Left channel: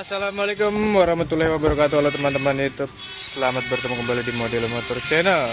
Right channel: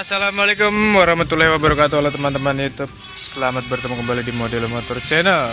Assalamualaikum warahmatullahi wabarakatuh. Halo teman-teman YouTube, selamat bertemu kembali di Model Motor Channel.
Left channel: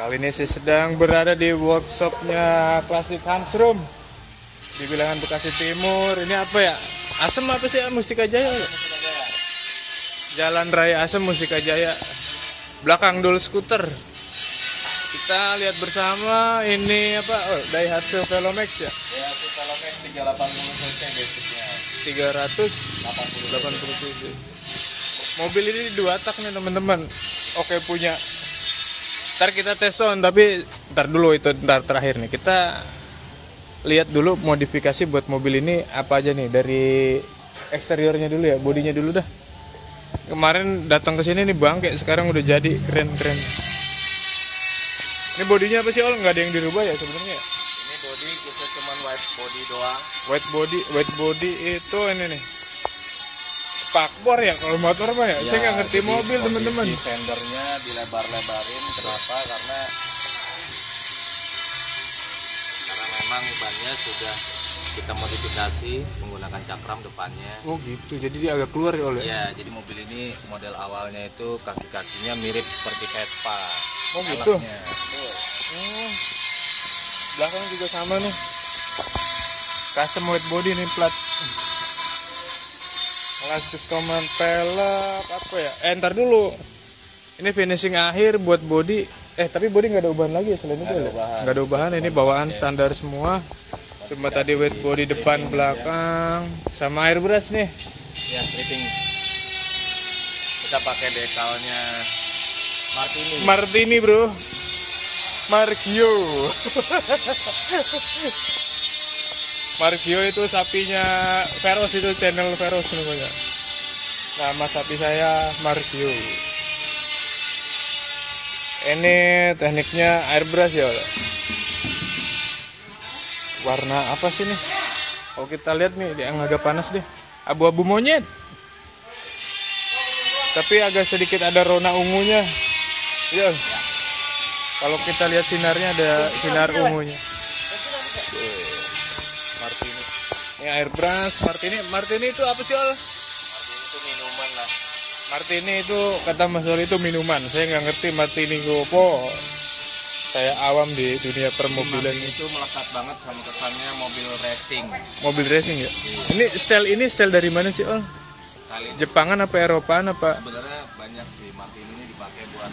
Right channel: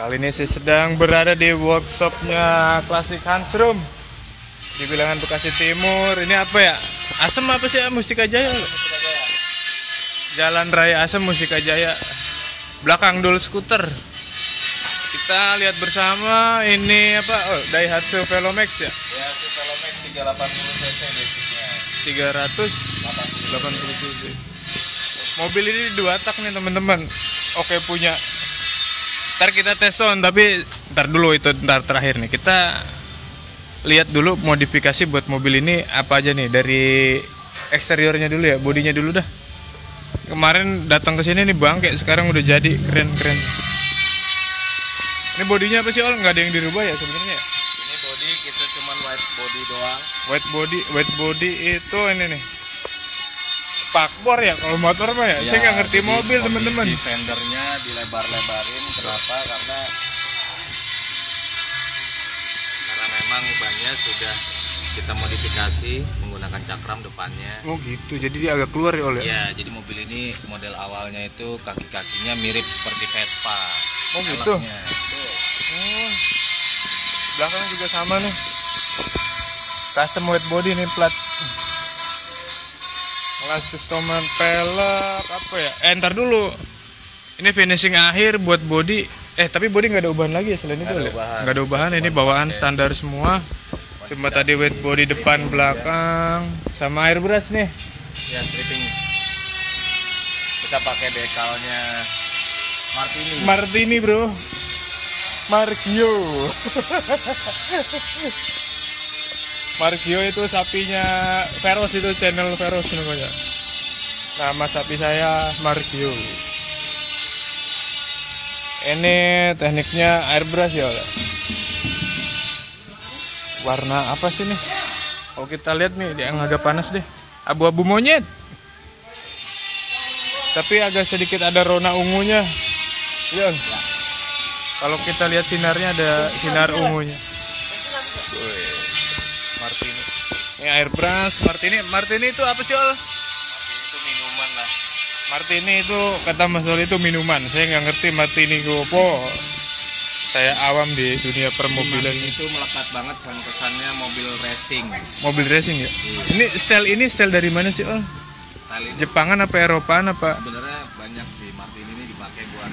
Kali ini saya sedang berada di workshopnya Klasik Hansrum di Bilangan Bekasi Timur. Ini apa ya? Asem apa sih? Mustika Jaya. Jalan Raya Asem Mustika Jaya. Belakang Dul Skuter. Kita lihat bersama ini apa? Oh, Daihatsu Velomax ya. Ya, Velomax 380 cc basicnya. 380 cc. Mobil ini 2 tak nih teman-teman. Oke punya. Ntar kita tes on, tapi ntar dulu itu ntar terakhir nih. Kita lihat dulu modifikasi buat mobil ini apa aja nih, dari eksteriornya dulu ya, bodinya dulu dah. Kemarin datang ke sini nih bangke, sekarang udah jadi keren-keren. Ini bodinya apa sih, Ol? Nggak ada yang dirubah ya sebenarnya? Ini body kita cuman white body doang. White body itu ini nih. Spakbor ya kalau motor mah ya. Saya nggak ngerti mobil teman-teman. Fendernya dilebar-lebarin, kenapa? Karena memang bannya sudah kita modifikasi menggunakan cakram depannya. Oh gitu, jadi dia agak keluar ya, Ol? Ya, jadi mobil ini model awalnya itu kaki-kakinya mirip seperti Vespa. Oh gitu. Velgnya. Belakang juga sama nih. Custom white body nih, plat. Customer pelek apa ya? Ntar dulu. Ini finishing akhir buat body. Tapi body nggak ada ubahan lagi ya selain itu ya? Nggak ada ubahan. Ini bawaan standar semua. Cuma tadi white body depan belakang sama airbrush nih. Ya, stripping. Kita pakai dekalnya Martini bro. Markio. Markio itu sapinya Veros, itu channel Veros namanya. Nama sapi saya Markio. Ini tekniknya airbrush ya. Warna apa sih nih? Kalau kita lihat nih yang agak panas deh. Abu-abu monyet. Tapi agak sedikit ada rona ungunya. Ya. Kalau kita lihat sinarnya ada sinar ungunya. Martini. Ini airbrush Martini itu apa sih, Ol? itu minuman lah. Martini itu kata Mas Ol itu minuman. Saya nggak ngerti Martini itu apa. Saya awam di dunia permobilan. Itu melekat banget sama kesannya mobil racing. Mobil racing ya. Ini style dari mana sih, Ol? Jepangan apa Eropaan apa? Sebenarnya banyak sih. Martini ini dipakai buat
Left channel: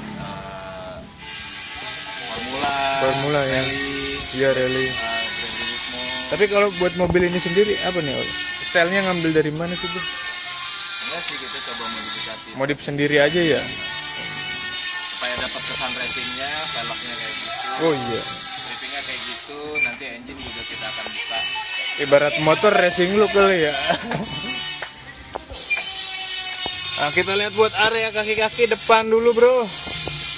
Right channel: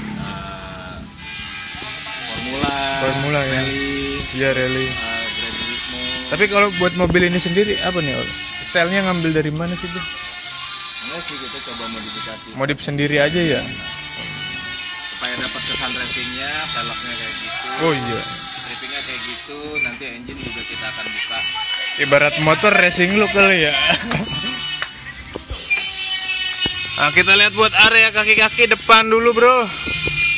Formula ya. rally, Iya rally. Gran Turismo. Tapi kalau buat mobil ini sendiri apa nih, Ol? Stylenya ngambil dari mana sih, Bro? Enggak sih, kita coba modifikasi. Modif sendiri aja ya. Supaya dapat kesan racingnya, velgnya kayak gitu. Oh iya. Strippingnya kayak gitu. Nanti engine juga kita akan buka. Ibarat motor racing look kali ya. Nah, kita lihat buat area kaki-kaki depan dulu, Bro.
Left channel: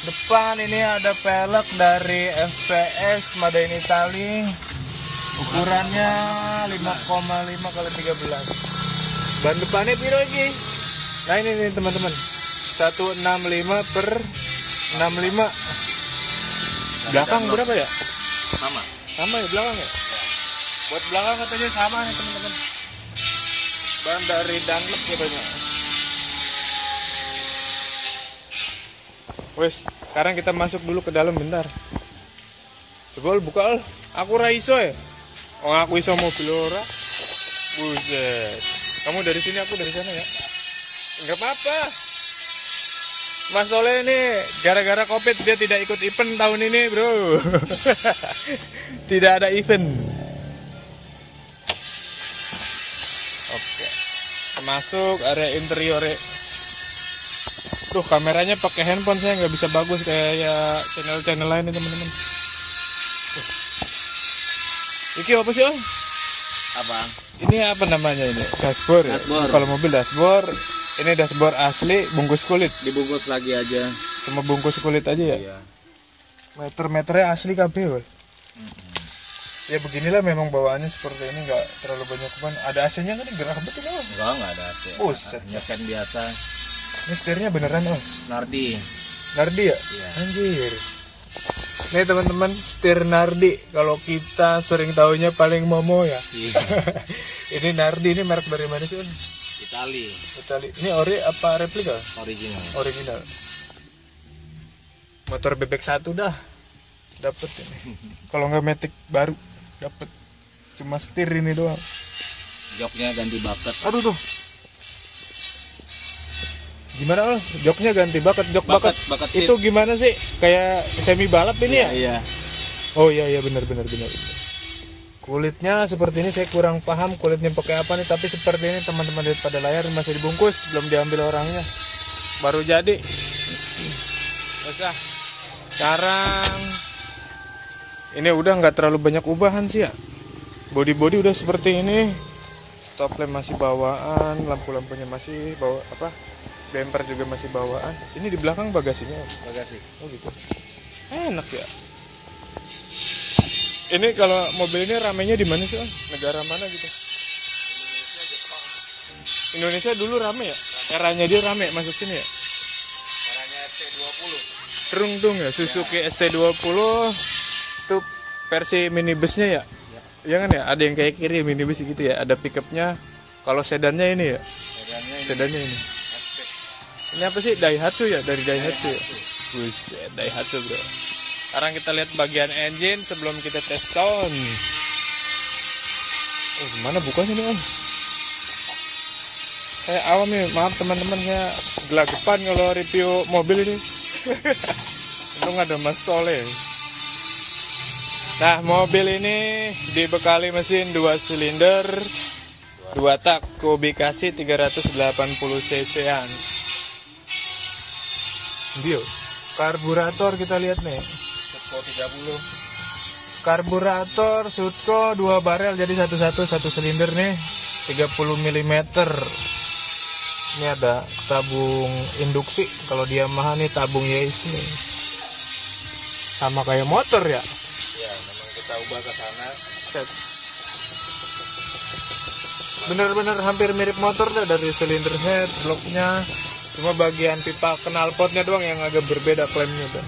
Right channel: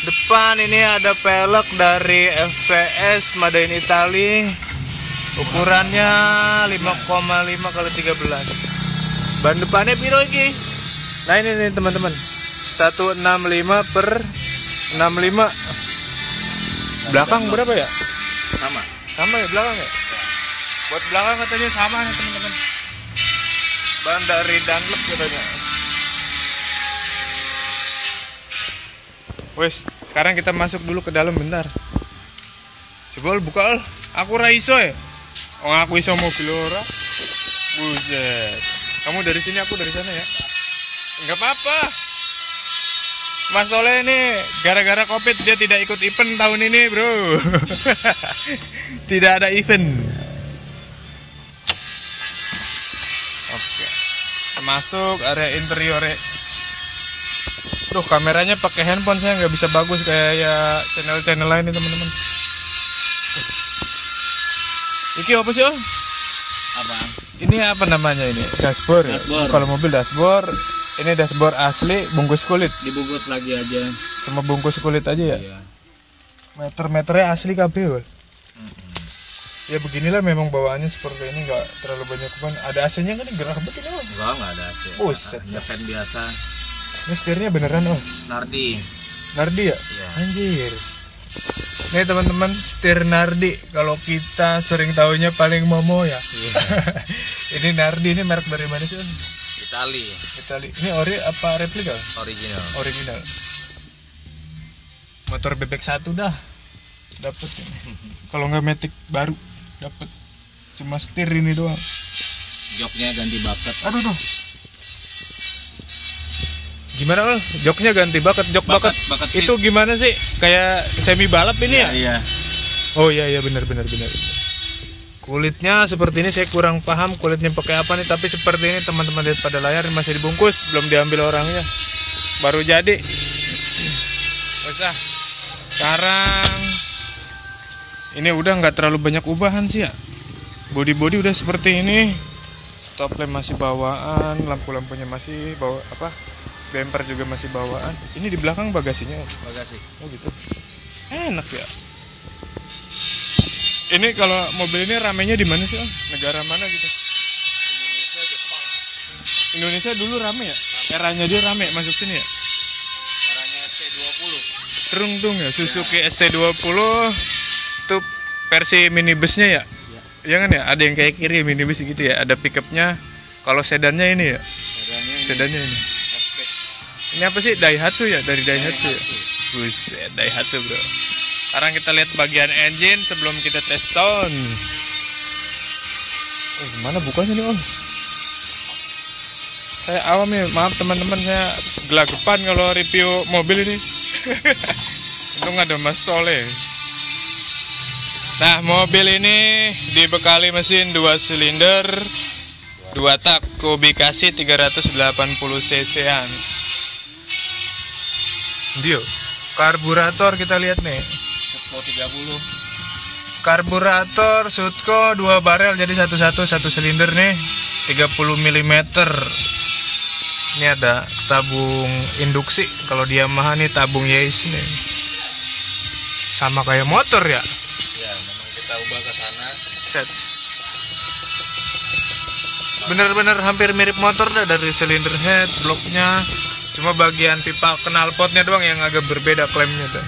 Depan ini ada pelek dari FPS Made in Italy. Ukurannya 5,5 kali 13. Ban depannya piro iki? Nah ini nih teman-teman. 165 per 65. Belakang berapa ya? Sama ya belakang ya? Buat belakang katanya sama nih teman-teman. Ban dari Dunlop katanya. Wes, sekarang kita masuk dulu ke dalam bentar. Coba Ol, buka Ol. Aku ra iso ya. Oh, aku iso mobil ora. Buset. Kamu dari sini, aku dari sana ya. Enggak apa-apa. Mas Soleh ini gara-gara Covid dia tidak ikut event tahun ini, Bro. Tidak ada event. Oke. Masuk area interior. Duh, kameranya pakai handphone, saya nggak bisa bagus kayak channel-channel lain nih teman-teman. Iki apa sih, Om? Apa? Ini apa namanya ini? Dashboard ya? Kalau mobil dashboard, ini dashboard asli bungkus kulit. Dibungkus lagi aja. Cuma bungkus kulit aja ya? Iya. Meter-meternya asli KB, Ya beginilah memang bawaannya seperti ini, nggak terlalu banyak ban. Ada AC-nya kan? Gerah banget ini, Om. Enggak ada AC. Buset. Hanya fan biasa. Ini setirnya beneran, Om? Nardi. Nardi ya? Iya. Anjir. Nih teman-teman, setir Nardi. Kalau kita sering tahunya paling Momo ya. Iya. Ini Nardi, ini merek dari mana sih? Itali. Ini ori apa replika? Original. Original. Motor bebek 1 dah dapet. Kalau nggak metik baru dapet. Cuma setir ini doang. Joknya ganti bucket. Aduh tuh. Gimana Ol? Joknya ganti bucket. Jok bucket itu gimana sih? Kayak semi balap ini ya? Iya. Oh iya benar. Kulitnya seperti ini, saya kurang paham kulitnya pakai apa nih, tapi seperti ini teman-teman, lihat pada layar masih dibungkus, belum diambil orangnya, baru jadi. Usah. Sekarang ini udah nggak terlalu banyak ubahan sih ya. Body udah seperti ini, stop lamp masih bawaan, lampu-lampunya masih bawa apa? Bumper juga masih bawaan. Ini di belakang bagasinya. Bagasi. Oh gitu. Enak ya. Ini kalau mobil ini ramenya di mana sih, Om? Negara mana gitu? Indonesia dulu rame ya? Eranya dia rame masuk sini ya? Eranya ST20. Teruntung ya, Suzuki ST20 itu versi minibusnya ya? Iya kan ya? Ada yang kayak kiri minibus gitu ya? Ada pickupnya. Kalau sedannya ini ya? Sedannya ini. Ini apa sih? Daihatsu ya? Dari Daihatsu ya? Buset, Daihatsu bro. Sekarang kita lihat bagian engine sebelum kita tes sound. Gimana bukanya nih Om? Saya awam nih, maaf teman-teman, saya gelagapan kalau review mobil ini. Untung ada Mas Soleh. Nah, mobil ini dibekali mesin 2 silinder 2 tak kubikasi 380 cc-an. Dia karburator kita lihat nih. Sutco 30. Karburator Sutco 2 barel, jadi 1 silinder nih 30 mm. Ini ada tabung induksi. Kalau di Yamaha nih tabung Yaesu nih. Sama kayak motor ya. Ya, memang kita ubah ke sana. Set. Bener-bener hampir mirip motor dah, dari silinder head, bloknya. Cuma bagian pipa knalpotnya doang yang agak berbeda klemnya tuh.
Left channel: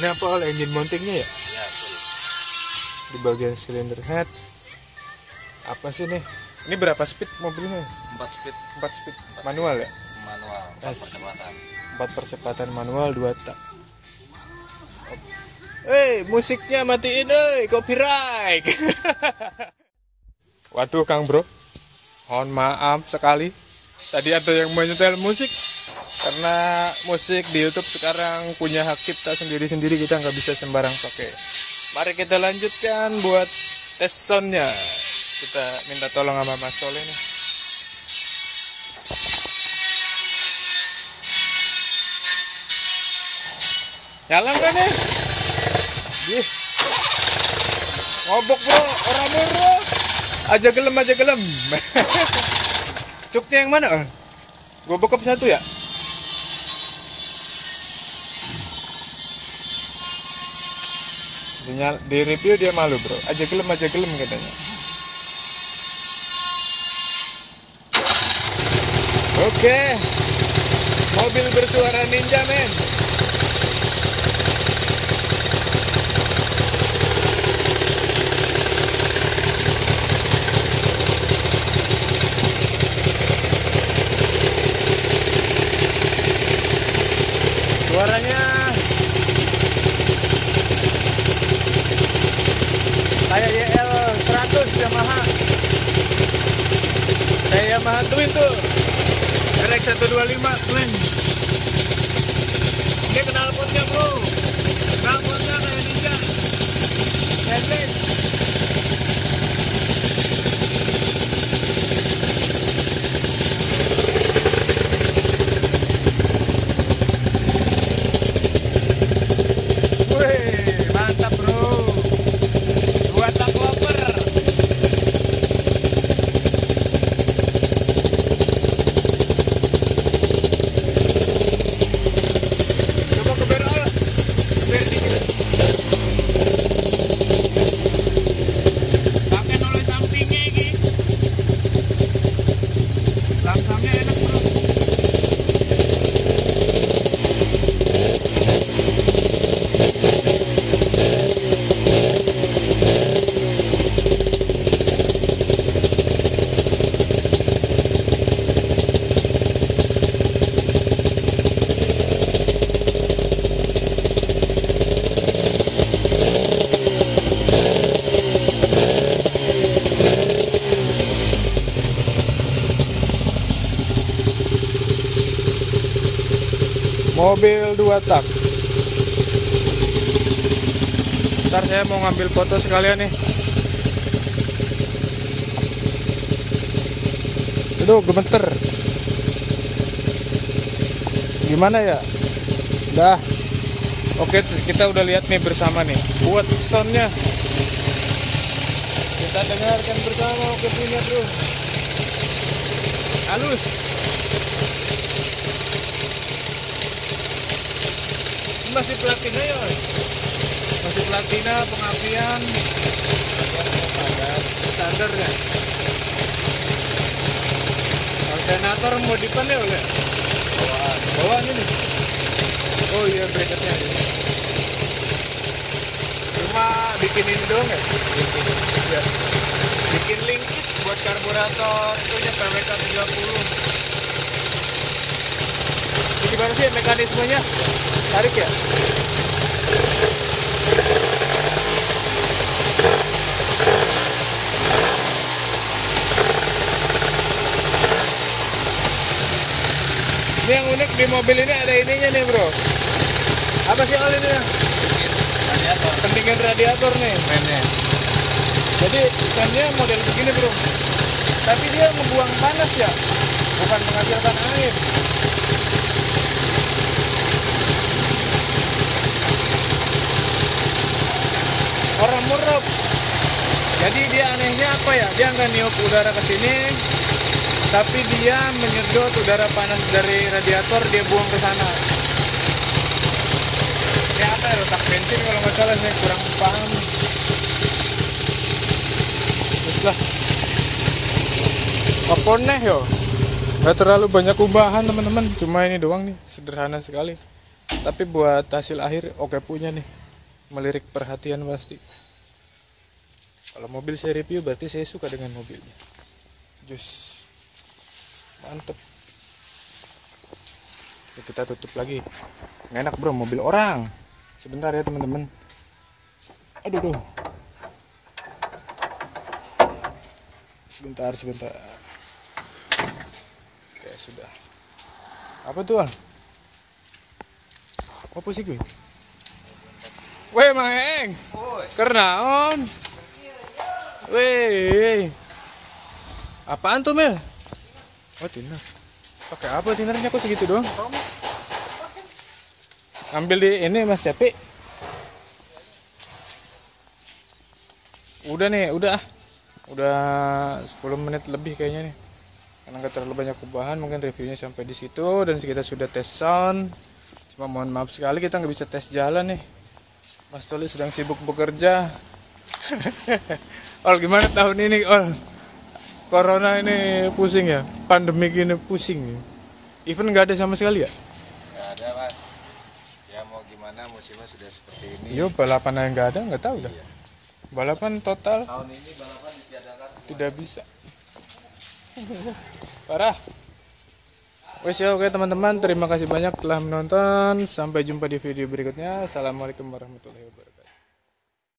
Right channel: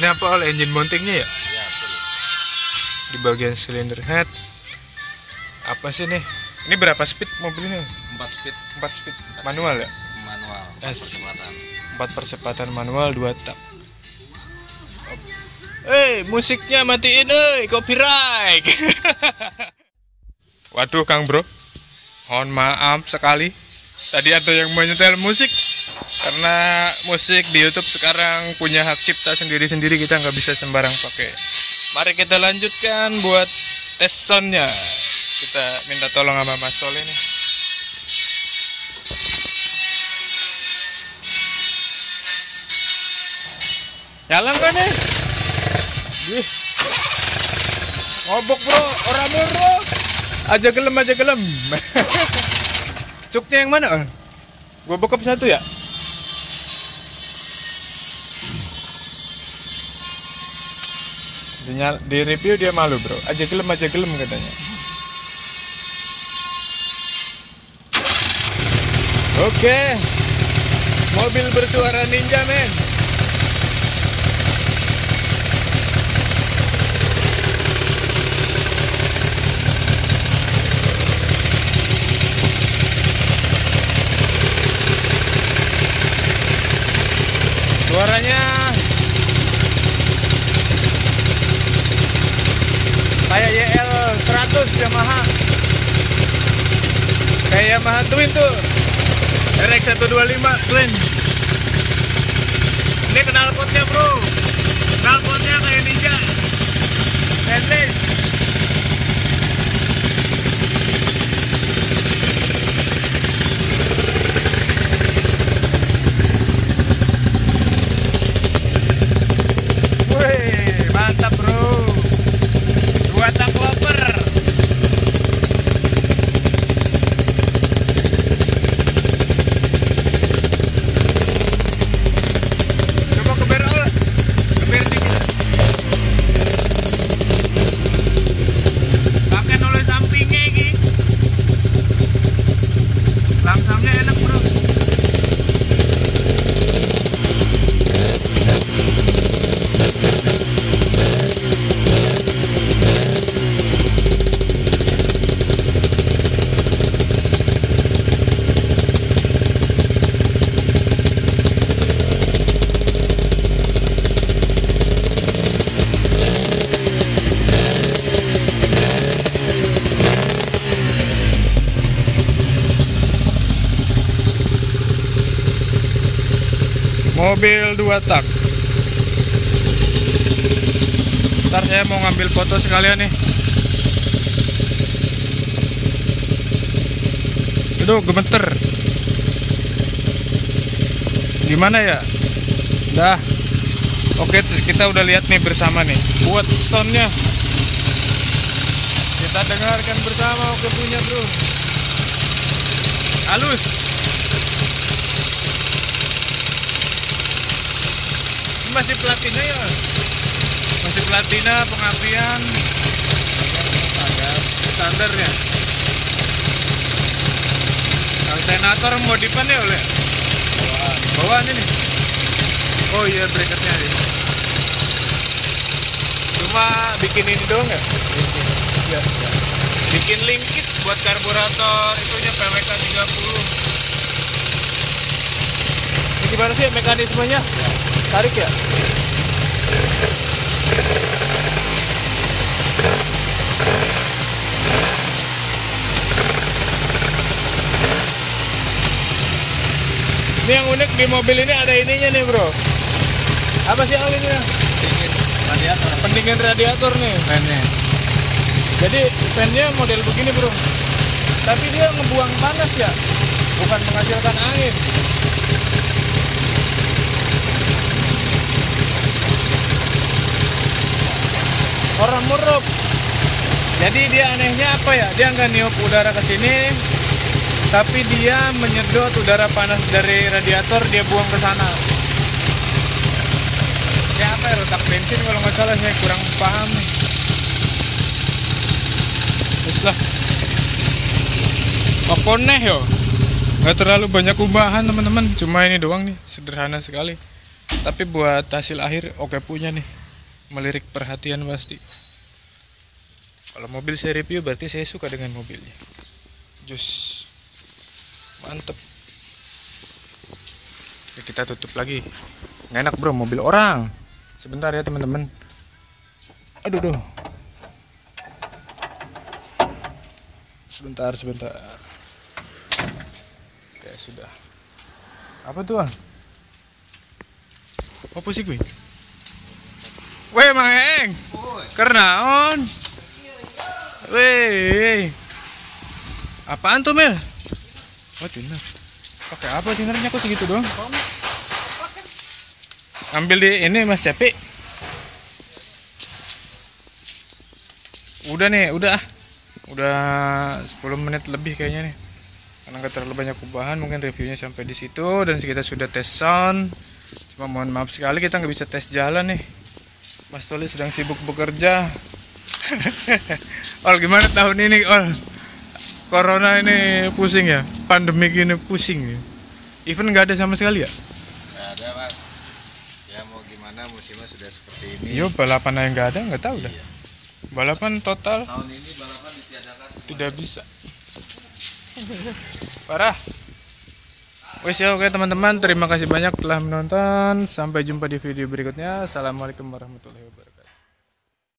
Ini apa Ol, engine mountingnya ya? Iya, Di bagian silinder head. Apa sih nih? Ini berapa speed mobil ini? 4 speed. 4 speed. Manual ya? Manual. Yes. Percepatan. 4 percepatan manual 2 tak. Musiknya matiin copyright. Waduh Kang Bro, mohon maaf sekali. Tadi ada yang menyetel musik, karena musik di YouTube sekarang punya hak cipta sendiri-sendiri, kita nggak bisa sembarang pakai. Mari kita lanjutkan buat tes soundnya. Kita minta tolong sama Mas Soleh nih. Jalan kan ya? Ngobok bro, orang bro. Aja gelem. Cuknya yang mana? Gue bokap 1 ya? Di review dia malu bro. Aja gelem katanya. Oke. Mobil bersuara ninja men. Suaranya kayak YL 100 Yamaha. Kayak Yamaha Twin tuh. RX 125 Twin. Ini knalpotnya bro. Knalpotnya kayak ninja. Headless. Mantap bro, 2 tak loper. Coba ke barrel. mobil 2 tak. Ntar saya mau ngambil foto sekalian nih. Aduh, gemeter. Gimana ya? Dah. Oke, kita udah lihat nih bersama nih. Buat soundnya kita dengarkan bersama. Oke punya bro. Halus. Masih platina ya? Masih platina pengapian standar ya. Alternator modifan ya oleh bawaan ini. Oh iya, bracketnya ya. Cuma bikin ini doang ya? Ya. Bikin linkit buat karburator itunya PWK 30. Ini gimana sih mekanismenya? Tarik ya? Ini yang unik di mobil ini ada ininya nih bro. Apa sih Al ini ya? Radiator. Pendingin radiator nih fan-nya. Jadi fan-nya model begini bro. Tapi dia ngebuang panas ya, bukan menghasilkan air. Orang murup. Jadi dia anehnya apa ya? Dia nggak niup udara ke sini, tapi dia menyedot udara panas dari radiator, dia buang ke sana. Ini apa ya? Rotak bensin kalau nggak salah, saya kurang paham nih. Terus lah. Oponeh yo. Nggak terlalu banyak ubahan teman-teman, cuma ini doang nih, sederhana sekali. Tapi buat hasil akhir oke punya nih, melirik perhatian pasti. Kalau mobil saya review berarti saya suka dengan mobilnya. Jus. Mantep. Oke, kita tutup lagi. Nggak enak bro, mobil orang. Sebentar ya teman-teman. Aduh duh. Sebentar. Oke sudah. Apa tuh Al? Apa sih gue? Weh Mang Eng. Kernaon? Weh. Apaan tuh Mel? Oh thinner. Pakai apa thinnernya kok segitu doang? Ambil di ini Mas Cepi. Udah nih, udah 10 menit lebih kayaknya nih. Karena nggak terlalu banyak ubahan, mungkin reviewnya sampai di situ dan kita sudah tes sound. Cuma mohon maaf sekali kita nggak bisa tes jalan nih. Mas Toli sedang sibuk bekerja. Ol gimana tahun ini Ol? Corona ini pusing ya, pandemi ini pusing ya. Event nggak ada sama sekali ya? Nggak ada mas. Ya mau gimana, musimnya sudah seperti ini. Yo balapan yang nggak ada, nggak tahu dah. Balapan total. Tahun ini balapan ditiadakan. Tidak bisa. Parah. Wes ya oke teman-teman, terima kasih banyak telah menonton. Sampai jumpa di video berikutnya. Assalamualaikum warahmatullahi wabarakatuh.